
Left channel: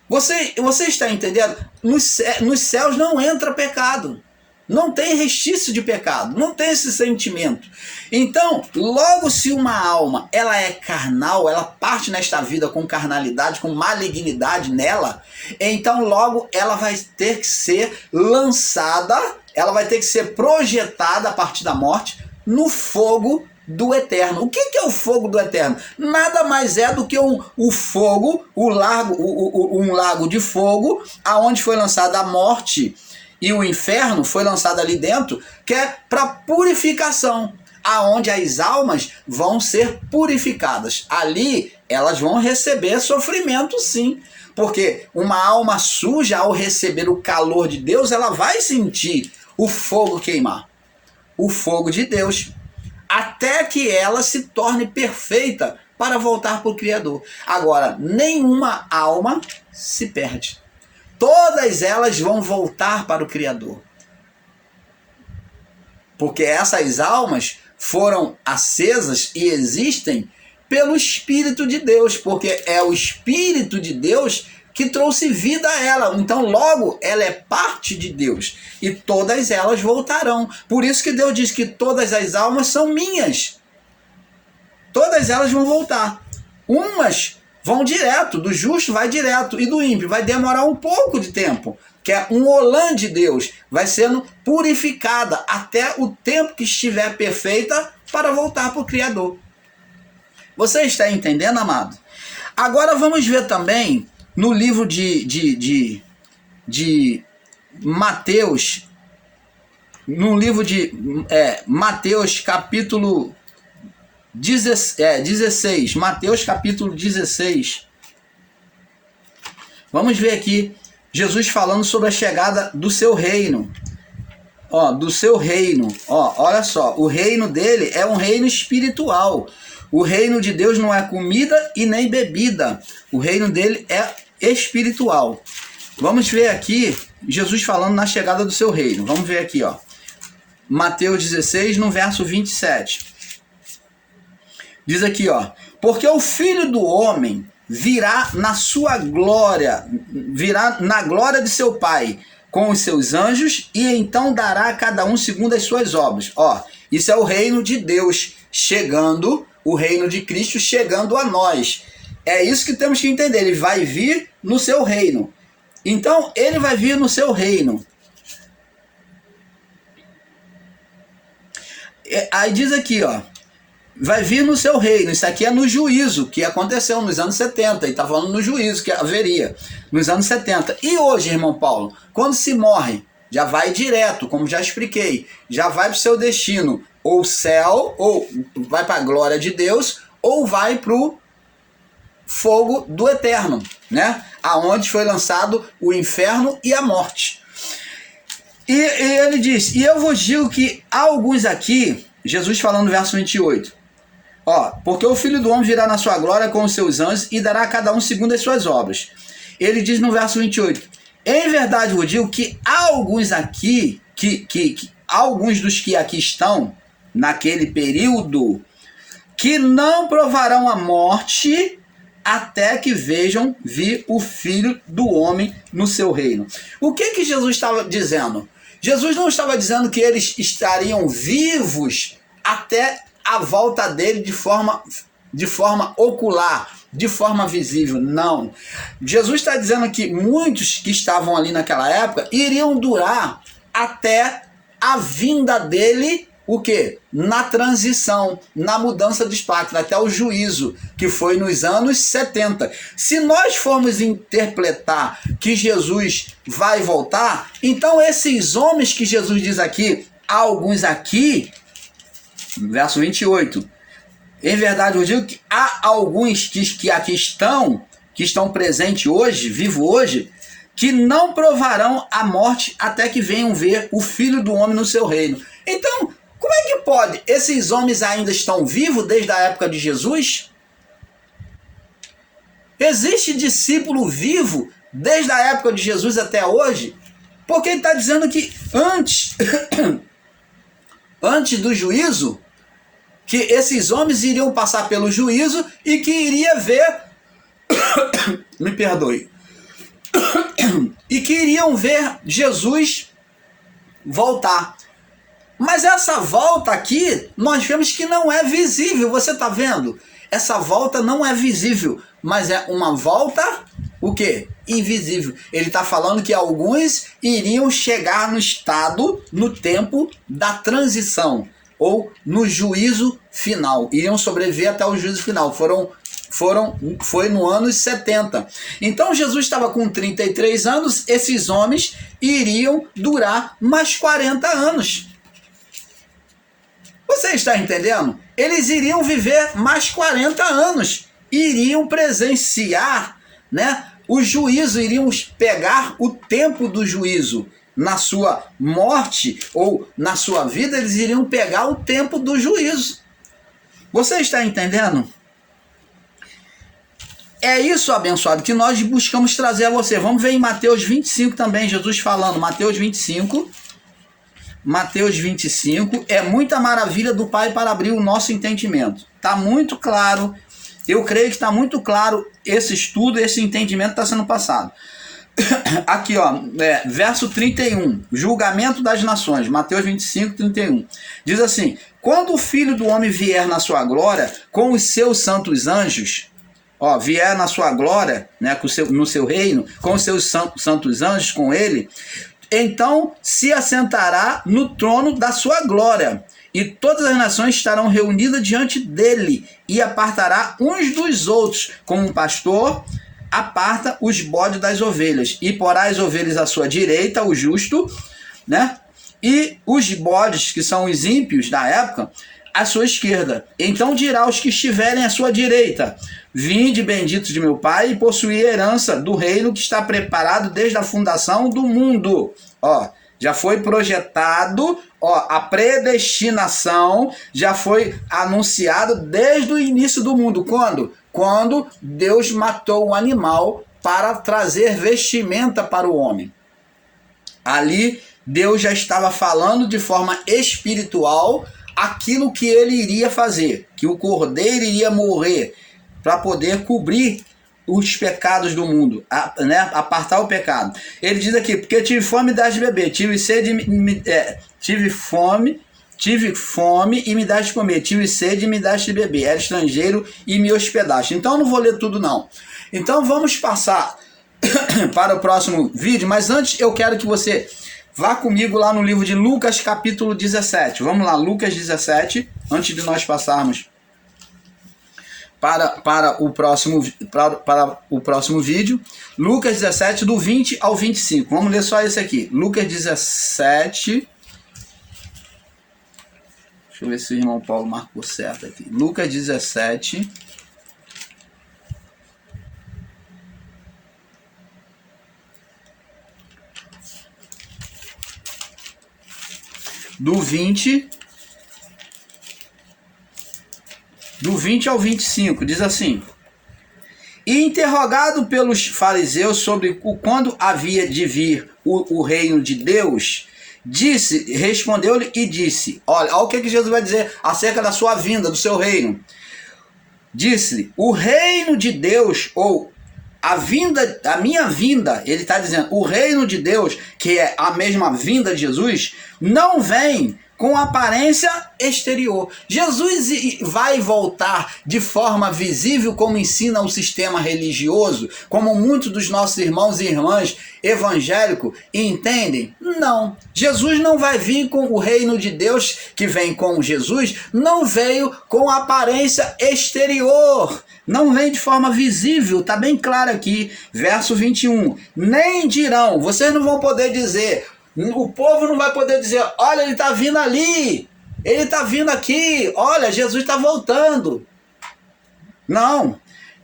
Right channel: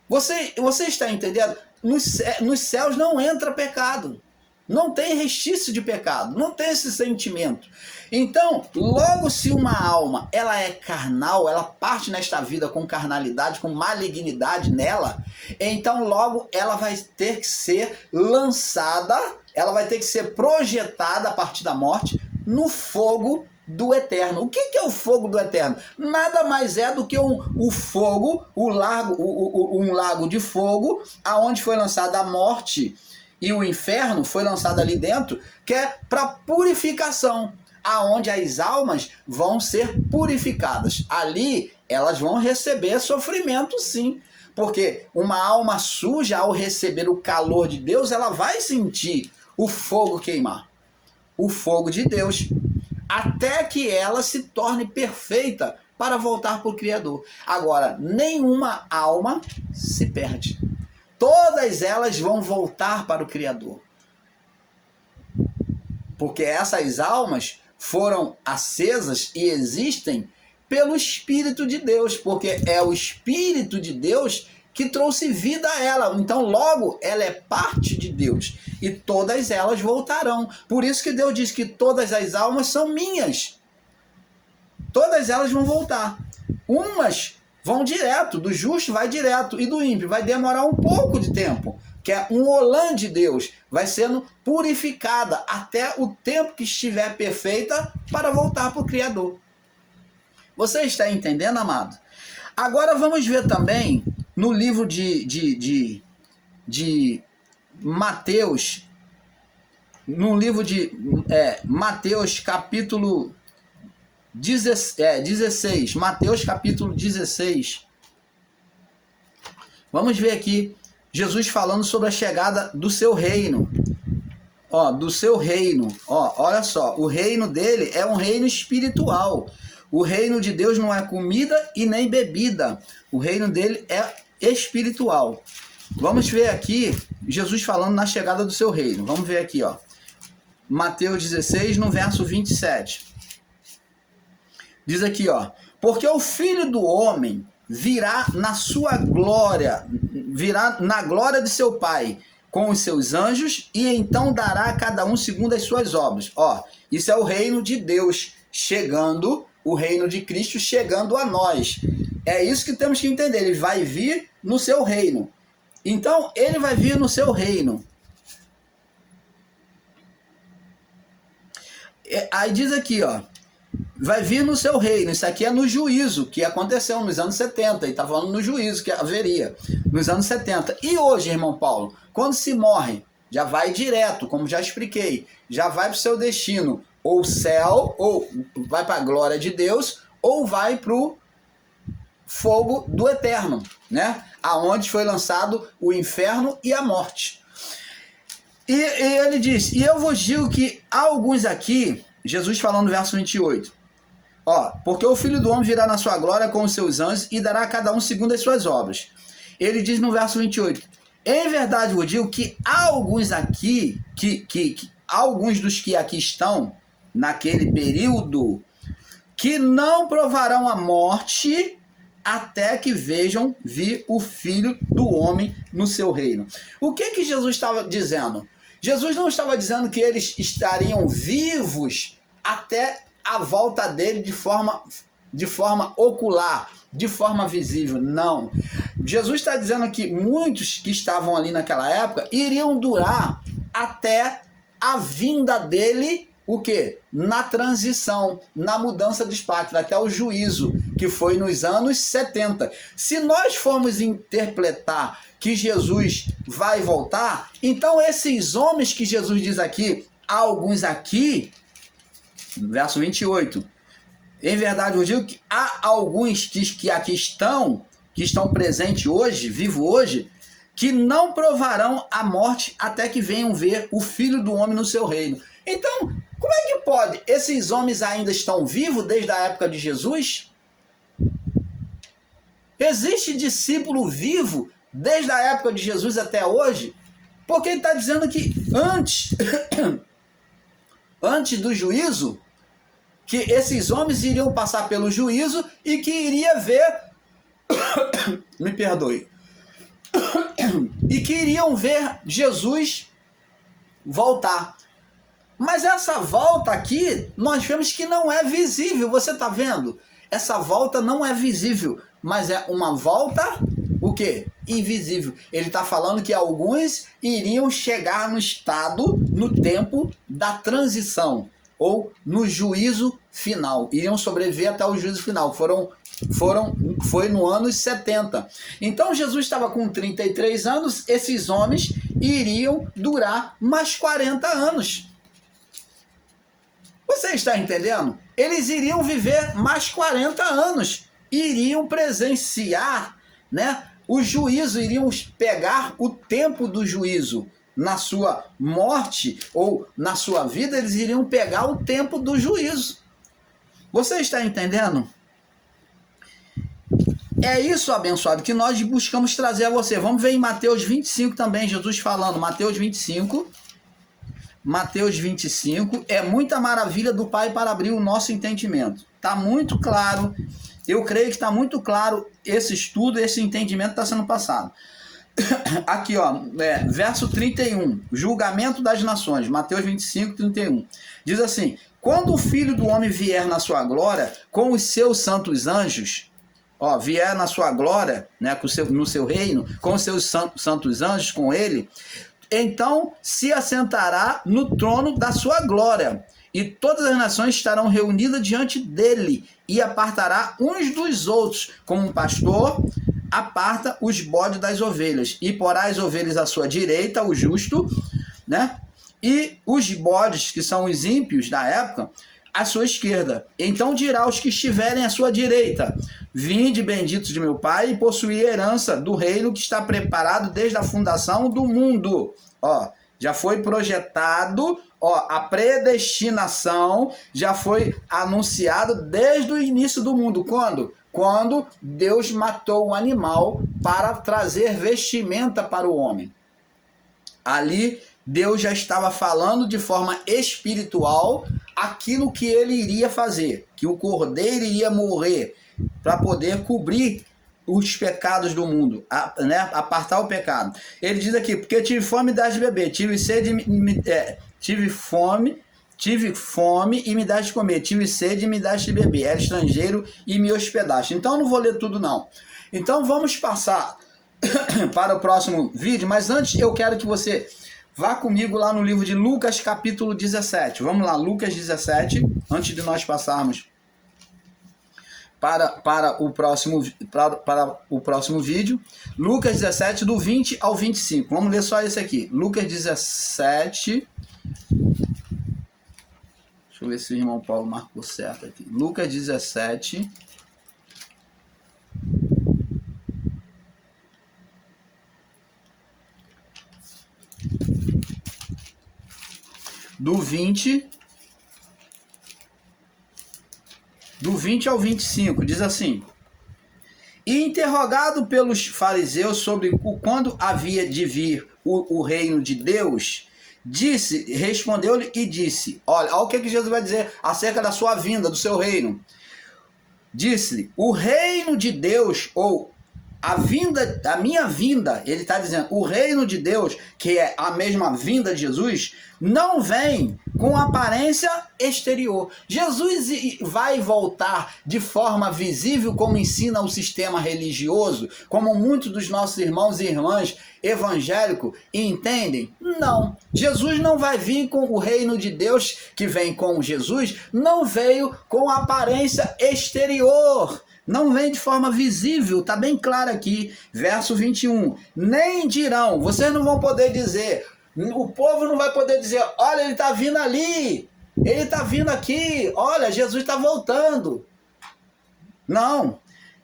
Você está entendendo? Nos céus não entra pecado. Não tem restício de pecado. Não tem esse sentimento. Então, logo se uma alma ela é carnal, ela parte nesta vida com carnalidade, com malignidade nela, então logo ela vai ter que ser lançada, ela vai ter que ser projetada a partir da morte no fogo do eterno. O que é o fogo do eterno? Nada mais é do que o fogo, um lago de fogo, aonde foi lançada a morte e o inferno foi lançado ali dentro, que é para purificação, aonde as almas vão ser purificadas. Ali elas vão receber sofrimento, sim, porque uma alma suja, ao receber o calor de Deus, ela vai sentir o fogo queimar, o fogo de Deus, até que ela se torne perfeita para voltar para o Criador. Agora, nenhuma alma se perde. Todas elas vão voltar para o Criador. Porque essas almas foram acesas e existem pelo Espírito de Deus, porque é o Espírito de Deus que trouxe vida a ela. Então, logo, ela é parte de Deus. E todas elas voltarão. Por isso que Deus diz que todas as almas são minhas. Todas elas vão voltar. Umas vão direto, do justo vai direto, e do ímpio vai demorar um pouco de tempo, que é um olã de Deus, vai sendo purificada até o tempo que estiver perfeita para voltar para o Criador. Você está entendendo, amado? Agora vamos ver também no livro de Mateus, no livro de Mateus capítulo 16, Mateus capítulo 16. Vamos ver aqui Jesus falando sobre a chegada do seu reino. Do seu reino. Olha só, o reino dele é um reino espiritual. O reino de Deus não é comida e nem bebida. O reino dele é espiritual. Vamos ver aqui Jesus falando na chegada do seu reino. Vamos ver aqui, Mateus 16, no verso 27. Diz aqui, porque o Filho do Homem virá na sua glória, virá na glória de seu Pai, com os seus anjos, e então dará a cada um segundo as suas obras. Isso é o reino de Deus chegando, o reino de Cristo chegando a nós. É isso que temos que entender. Ele vai vir no seu reino. Então, ele vai vir no seu reino. Aí diz aqui, vai vir no seu reino. Isso aqui é no juízo, que aconteceu nos anos 70. Ele está falando no juízo que haveria nos anos 70. E hoje, irmão Paulo, quando se morre, já vai direto, como já expliquei, já vai para o seu destino, ou céu, ou vai para a glória de Deus, ou vai para o fogo do eterno, né? Aonde foi lançado o inferno e a morte. E ele diz, e eu vos digo que há alguns aqui, Jesus falando no verso 28, porque o Filho do Homem virá na sua glória com os seus anjos e dará a cada um segundo as suas obras. Ele diz no verso 28, em verdade vos digo que há alguns aqui, alguns dos que aqui estão, naquele período, que não provarão a morte até que vejam vir o Filho do Homem no seu reino. O que Jesus estava dizendo? Jesus não estava dizendo que eles estariam vivos até a volta dele de forma ocular, de forma visível. Não. Jesus está dizendo que muitos que estavam ali naquela época iriam durar até a vinda dele, o quê? Na transição, na mudança de espátula, até o juízo, que foi nos anos 70. Se nós formos interpretar que Jesus vai voltar, então esses homens que Jesus diz aqui, alguns aqui, verso 28, em verdade eu digo que há alguns que aqui estão, que estão presentes hoje, vivos hoje, que não provarão a morte até que venham ver o Filho do Homem no seu reino. Então, como é que pode? Esses homens ainda estão vivos desde a época de Jesus? Existe discípulo vivo desde a época de Jesus até hoje? Porque ele está dizendo que antes do juízo, que esses homens iriam passar pelo juízo e que iria ver, me perdoe, e que iriam ver Jesus voltar. Mas essa volta aqui, nós vemos que não é visível, você está vendo? Essa volta não é visível, mas é uma volta, o quê? Invisível. Ele está falando que alguns iriam chegar no estado, no tempo da transição, ou no juízo final. Iriam sobreviver até o juízo final. Foi no ano 70. Então Jesus estava com 33 anos, esses homens iriam durar mais 40 anos. Você está entendendo? Eles iriam viver mais 40 anos, iriam presenciar, né, o juízo, iriam pegar o tempo do juízo. Na sua morte ou na sua vida, eles iriam pegar o tempo do juízo. Você está entendendo? É isso, abençoado, que nós buscamos trazer a você. Vamos ver em Mateus 25 também, Jesus falando, Mateus 25, é muita maravilha do Pai para abrir o nosso entendimento. Está muito claro, eu creio que está muito claro esse estudo, esse entendimento está sendo passado. Aqui, verso 31, julgamento das nações, Mateus 25, 31. Diz assim, quando o Filho do Homem vier na sua glória, com os seus santos anjos, vier na sua glória, né, no seu reino, com os seus santos anjos, com ele, então se assentará no trono da sua glória, e todas as nações estarão reunidas diante dele, e apartará uns dos outros, como um pastor aparta os bodes das ovelhas, e porá as ovelhas à sua direita, o justo, né? E os bodes, que são os ímpios da época, à sua esquerda. Então dirá aos que estiverem à sua direita, vinde benditos de meu Pai, e possuí a herança do reino que está preparado desde a fundação do mundo. Já foi projetado, a predestinação já foi anunciada desde o início do mundo. Quando? Quando Deus matou o animal para trazer vestimenta para o homem. Ali, Deus já estava falando de forma espiritual aquilo que ele iria fazer, que o cordeiro iria morrer para poder cobrir os pecados do mundo, né? Apartar o pecado. Ele diz aqui, porque tive fome e me daste de beber, tive fome e me daste de comer, tive sede e me daste de beber, era estrangeiro e me hospedaste. Então não vou ler tudo não. Então vamos passar para o próximo vídeo, mas antes eu quero que você vá comigo lá no livro de Lucas capítulo 17. Vamos lá, Lucas 17, antes de nós passarmos para o próximo vídeo. Lucas 17, do 20 ao 25. Vamos ler só esse aqui. Lucas 17. Deixa eu ver se o irmão Paulo marcou certo aqui. Lucas 17. do 20 ao 25, diz assim: e interrogado pelos fariseus sobre quando havia de vir o reino de Deus, respondeu-lhe e disse, olha o que Jesus vai dizer acerca da sua vinda, do seu reino. Disse-lhe, o reino de Deus, ou a minha vinda, ele está dizendo, o reino de Deus, que é a mesma vinda de Jesus, não vem com aparência exterior. Jesus vai voltar de forma visível, como ensina o sistema religioso, como muitos dos nossos irmãos e irmãs evangélicos entendem? Não. Jesus não vai vir com o reino de Deus, que vem com Jesus, não veio com aparência exterior. Não vem de forma visível, está bem claro aqui, verso 21. Nem dirão, vocês não vão poder dizer, o povo não vai poder dizer, olha, ele está vindo ali, ele está vindo aqui, olha, Jesus está voltando. Não,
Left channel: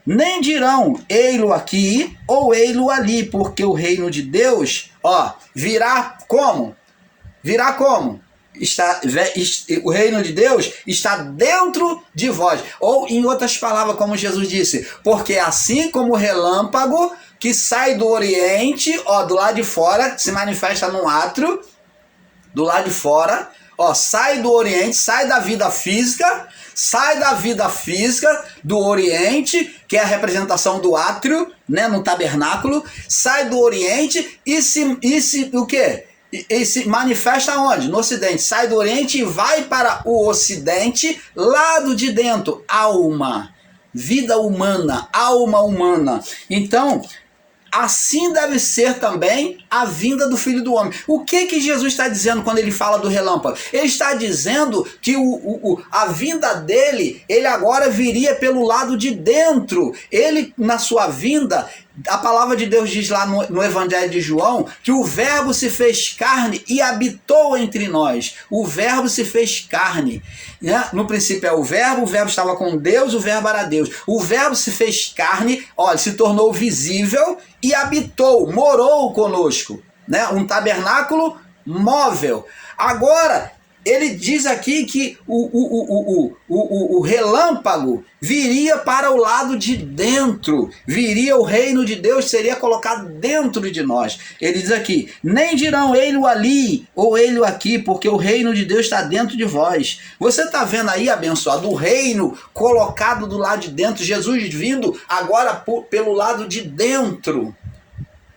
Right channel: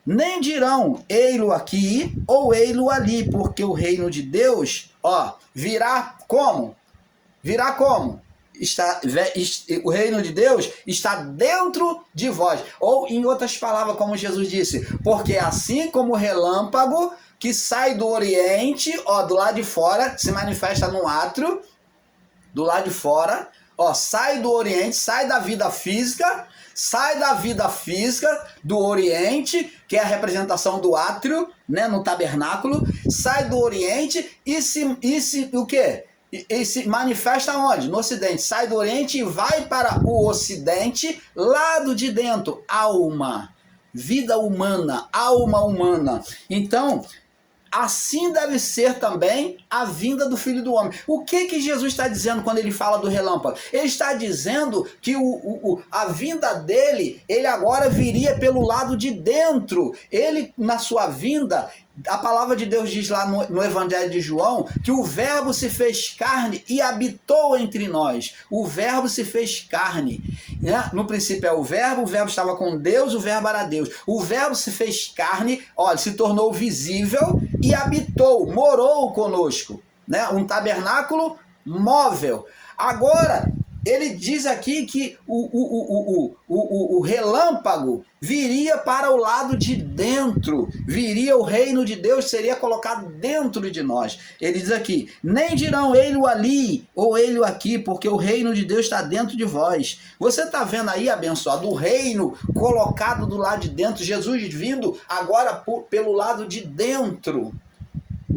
nem dirão, ei-lo aqui ou ei-lo ali, porque o reino de Deus, virá como? Virá como? O reino de Deus está dentro de vós. Ou, em outras palavras, como Jesus disse, porque assim como o relâmpago que sai do Oriente, do lado de fora, se manifesta no átrio, do lado de fora, sai do Oriente, sai da vida física do Oriente, que é a representação do átrio, né, no tabernáculo, sai do Oriente o quê? E se manifesta onde? No Ocidente. Sai do Oriente e vai para o Ocidente, lado de dentro. Alma, vida humana, alma humana. Então, assim deve ser também a vinda do Filho do Homem. O que Jesus está dizendo quando ele fala do relâmpago? Ele está dizendo que a vinda dele, ele agora viria pelo lado de dentro. Ele, na sua vinda, a palavra de Deus diz lá no Evangelho de João que o Verbo se fez carne e habitou entre nós. O Verbo se fez carne, né? No princípio é o Verbo estava com Deus, o Verbo era Deus. O Verbo se fez carne, se tornou visível e habitou, morou conosco, né? Um tabernáculo móvel. Agora, ele diz aqui que o relâmpago viria para o lado de dentro, viria o reino de Deus, seria colocado dentro de nós. Ele diz aqui, nem dirão ele ali ou ele aqui, porque o reino de Deus está dentro de vós. Você está vendo aí, abençoado, o reino colocado do lado de dentro, Jesus vindo agora pelo lado de dentro,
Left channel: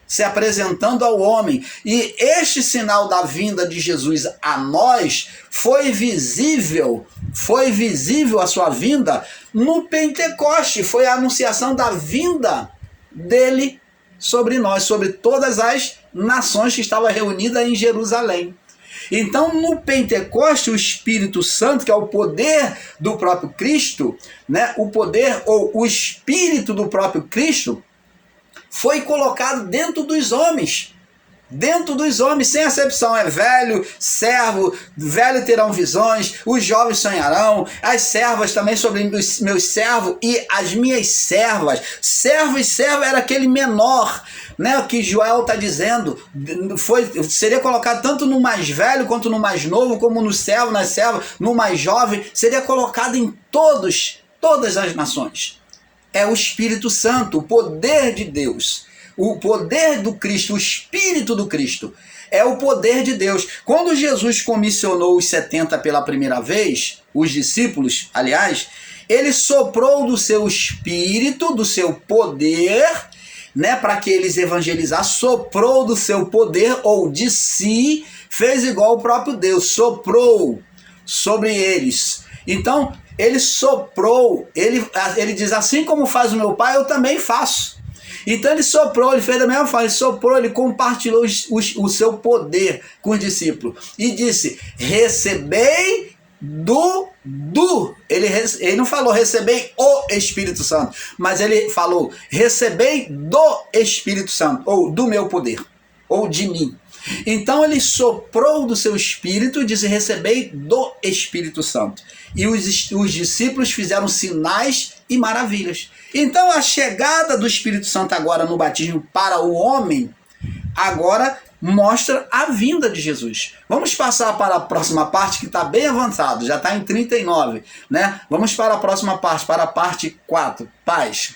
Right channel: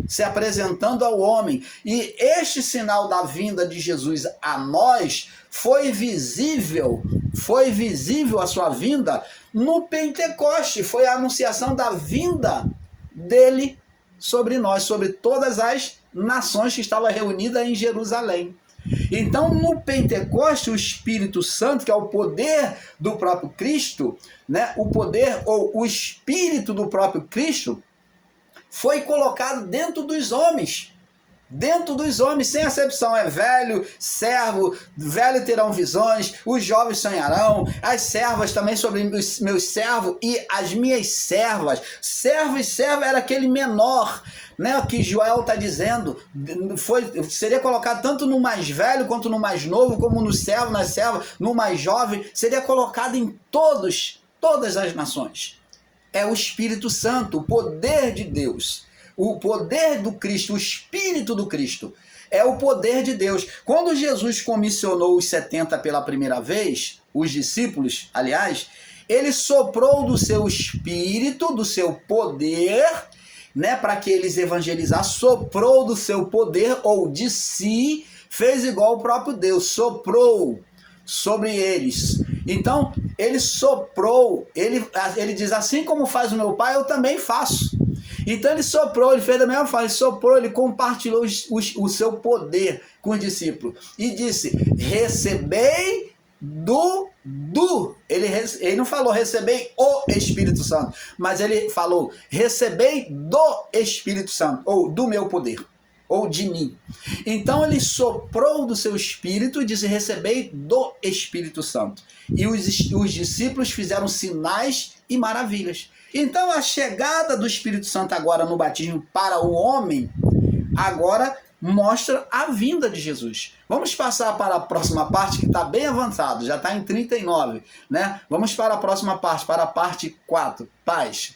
se apresentando ao homem. E este sinal da vinda de Jesus a nós foi visível a sua vinda no Pentecoste, foi a anunciação da vinda dele sobre nós, sobre todas as nações que estavam reunidas em Jerusalém. Então, no Pentecoste, o Espírito Santo, que é o poder do próprio Cristo, né, o poder ou o Espírito do próprio Cristo, foi colocado dentro dos homens, sem acepção. É velho, servo, velho terão visões, os jovens sonharão, as servas também sobre os meus servos e as minhas servas. Servo e serva era aquele menor, né, que Joel está dizendo, seria colocado tanto no mais velho quanto no mais novo, como no servo, na serva, no mais jovem, seria colocado em todas as nações. É o Espírito Santo, o poder de Deus, o poder do Cristo, o Espírito do Cristo, é o poder de Deus. Quando Jesus comissionou os 70 pela primeira vez, os discípulos, aliás, ele soprou do seu Espírito, do seu poder, né, para que eles evangelizassem, soprou do seu poder ou de si, fez igual o próprio Deus, soprou sobre eles. Então, ele soprou, ele diz, assim como faz o meu pai, eu também faço. Então ele soprou, ele fez da mesma forma, ele soprou, ele compartilhou o seu poder com os discípulos. E disse, recebei ele não falou recebei o Espírito Santo, mas ele falou, recebei do Espírito Santo, ou do meu poder, ou de mim. Então ele soprou do seu Espírito e disse, recebei do Espírito Santo. E os discípulos fizeram sinais e maravilhas. Então a chegada do Espírito Santo agora no batismo para o homem, agora mostra a vinda de Jesus. Vamos passar para a próxima parte, que está bem avançado, já está em 39, né? Vamos para a próxima parte, para a parte 4, paz.